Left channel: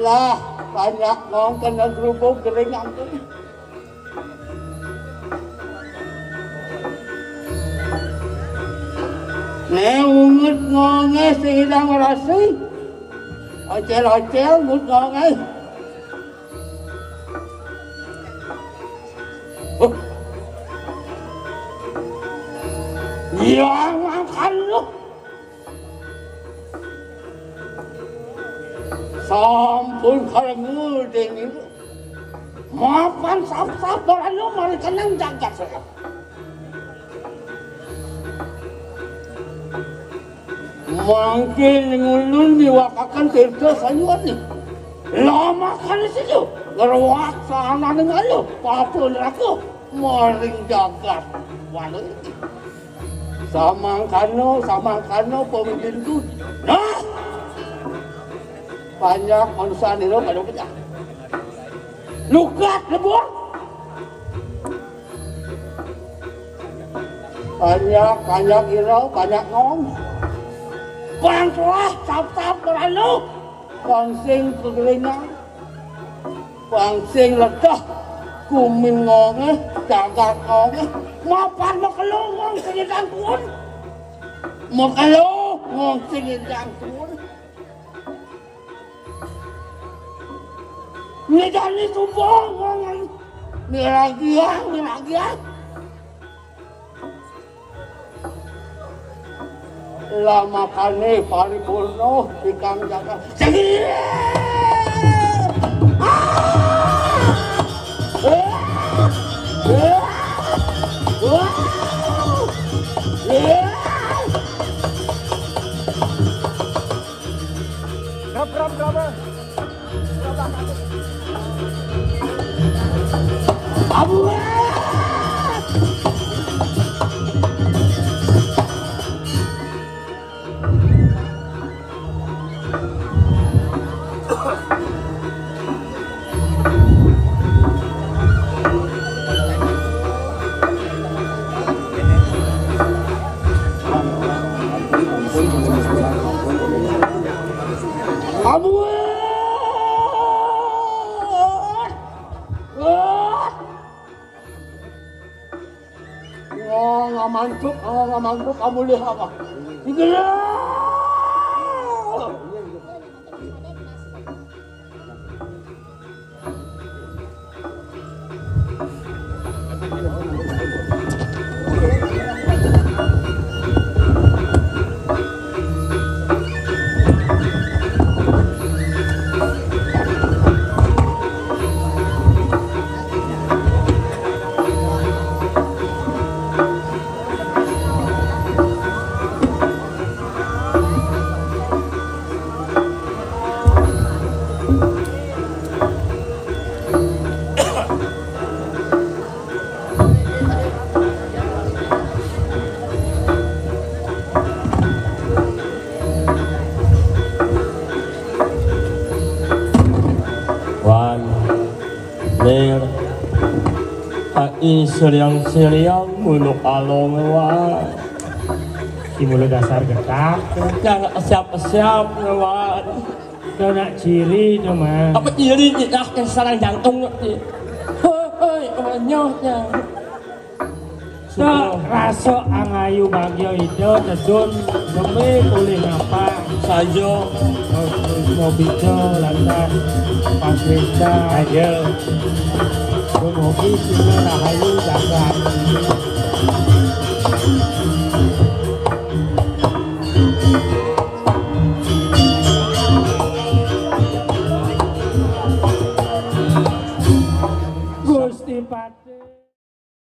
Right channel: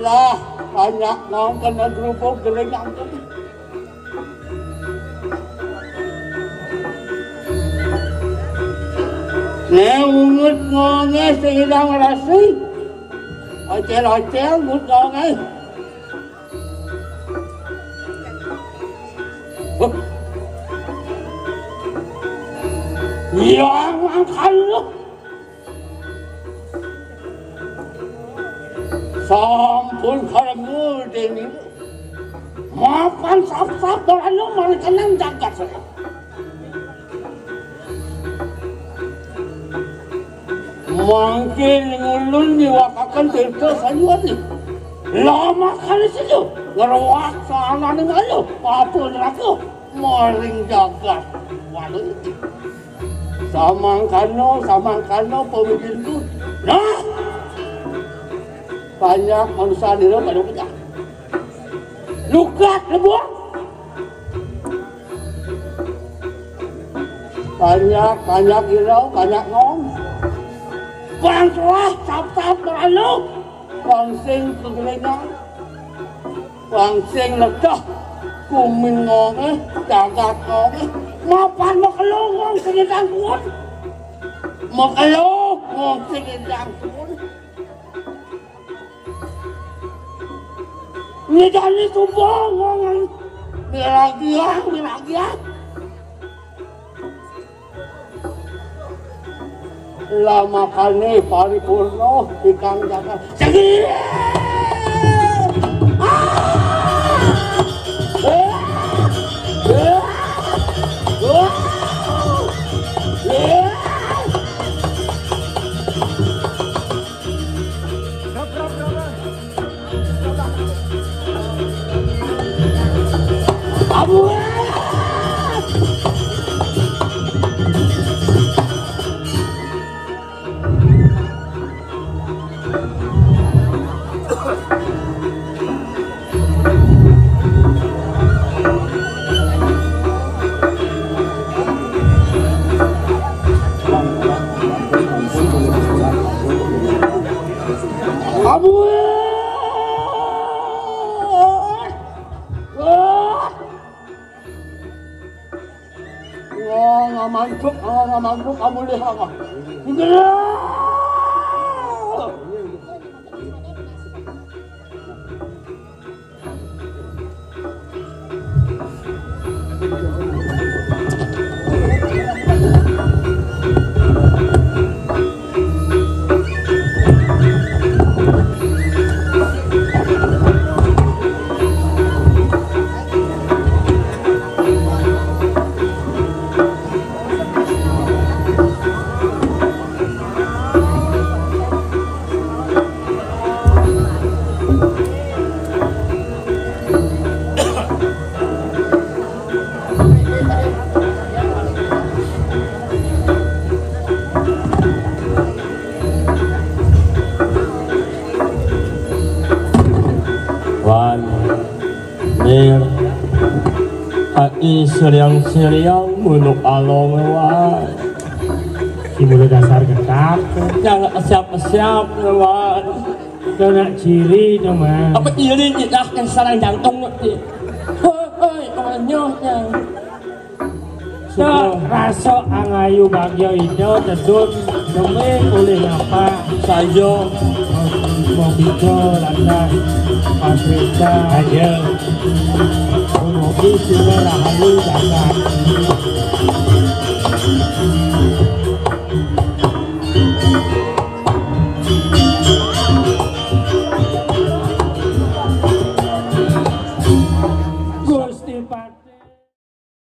Lah, banyak ngong kena gerubuk geringan tuh. Ngut ngonge sehidang rasi. Ocel-ocel ngut ngonge. Ya, makan lu. Sampun karengul deni. Makan sap-sap dorano mari kenang jagat saya. Mangkin ngulun diwakakan tirta sanyuani. Lama kali situ ngerawak sana dengan lu. Apa neraka maring jagat walau itu. Samangkano pemimpin itu. Nah, banyak manusia di dalam pada kita. Lukat lebur. Banyak irau, banyak ngong. Bangkelas, tap-tap kerana. Bangsing kegelinang. Bangsing ledah. Kumin ngong jagat ngong mapan makelong ngong singitang kuon. Makelong ngong singitang kuon. Ini jadi tumpong ngong. Miragiang. Lama kali paripurno ikang jagat. Sige! Mangkuk kamu lihat apa? Seliang-seliang munuk along lewat. Ibu dasar ketat. Jangan siap-siap lewat. Kena ciri nama. Apa ciri kita sarang jantung ngerti? Hei, kemenyoh yang. Raso angayu bagyo itu jadun dume kulit apa sayo mobilnya lantai pasirnya aja mobil sini rahayu sangat